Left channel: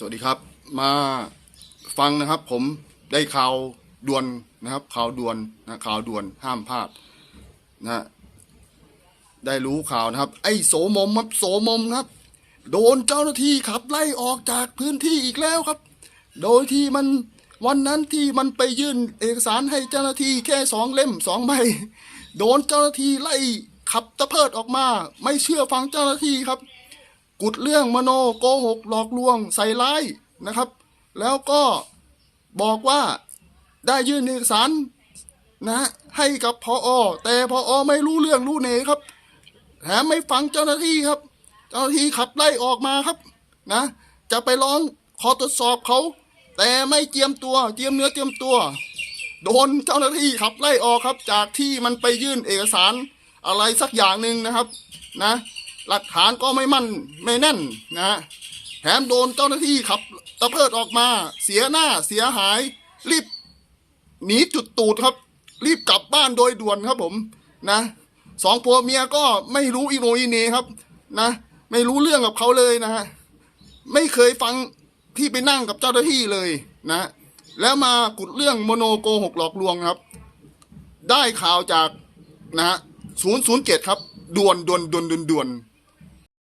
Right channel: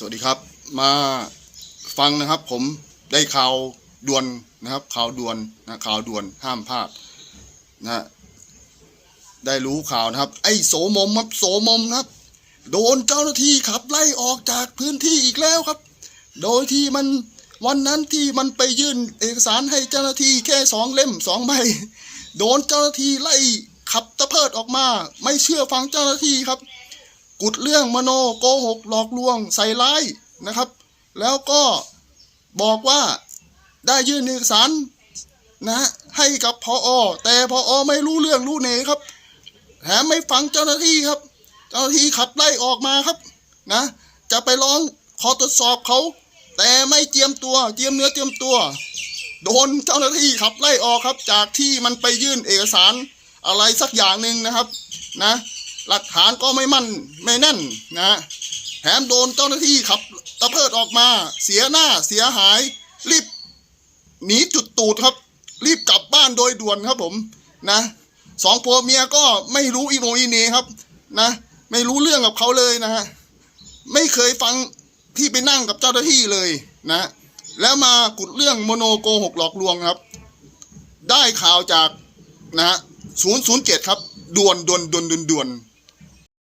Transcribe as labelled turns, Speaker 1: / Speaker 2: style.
Speaker 1: สวัสดีครับ มาฟังนะครับ ผมได้ข่าวด่วนนะครับข่าวด่วนนะข่าวด่วนห้ามพลาดนะฮะได้รู้ข่าวนะครับ ไอ้โสมมครับโสมมครับ โดนเจ้าหน้าที่ขับไล่ออกจากพื้นที่อีกแล้วครับ โดยที่มันวันนั้นที่มันไปยื่นเอกสารให้เจ้าหน้าที่แค่สองเล่มสองใบโดนเจ้าหน้าที่ไล่ขับตะเพิดออกมา ไม่เชื่อฟังเจ้าหน้าที่ครับ กุดเรื่องมโนโกหกหลอกลวงใส่ร้ายนะครับ แล้วก็บอกว่าได้ยื่นเอกสารนะให้กับพออแต่พออไม่รู้เรื่องรู้เนครับแถมไม่ฟังเจ้าหน้าที่ครับ เจ้าหน้าที่ขับไล่ออกมาครับนะ จะไปร้องขอตรวจสอบเขา แต่ไม่เจียมตัวเจียมเนื้อเจียมตัว โดนเจ้าหน้าที่ขับไล่ออกครับ จากที่มันไปยื่นเอกสารอะไรสักอย่างหนึ่งนะครับนะ หลักฐานก็ไม่มั่นไม่แน่นนะแถมโดนเจ้าหน้าที่ขับตะเพิดออกมา เสียหน้าเสียหาย รีบหนีจุดตูดครับ รีบกลับบ้านโดยด่วนครับผมนะสองผัวเมียก็ไม่รู้อีโนอีเนครับนะ ไม่รู้เรื่องกับเขาเลยนะฮะไม่เคยฟังที่ไปนั่งกับเจ้าหน้าที่เลยนะ แล้วมากุดเรื่องโมโนโกหกหลอกลวงครับ ได้ข่าวจากนะฮะศูนย์ศูนย์เจ็ดครับด่วนด่วนด่วนด่วนด่วน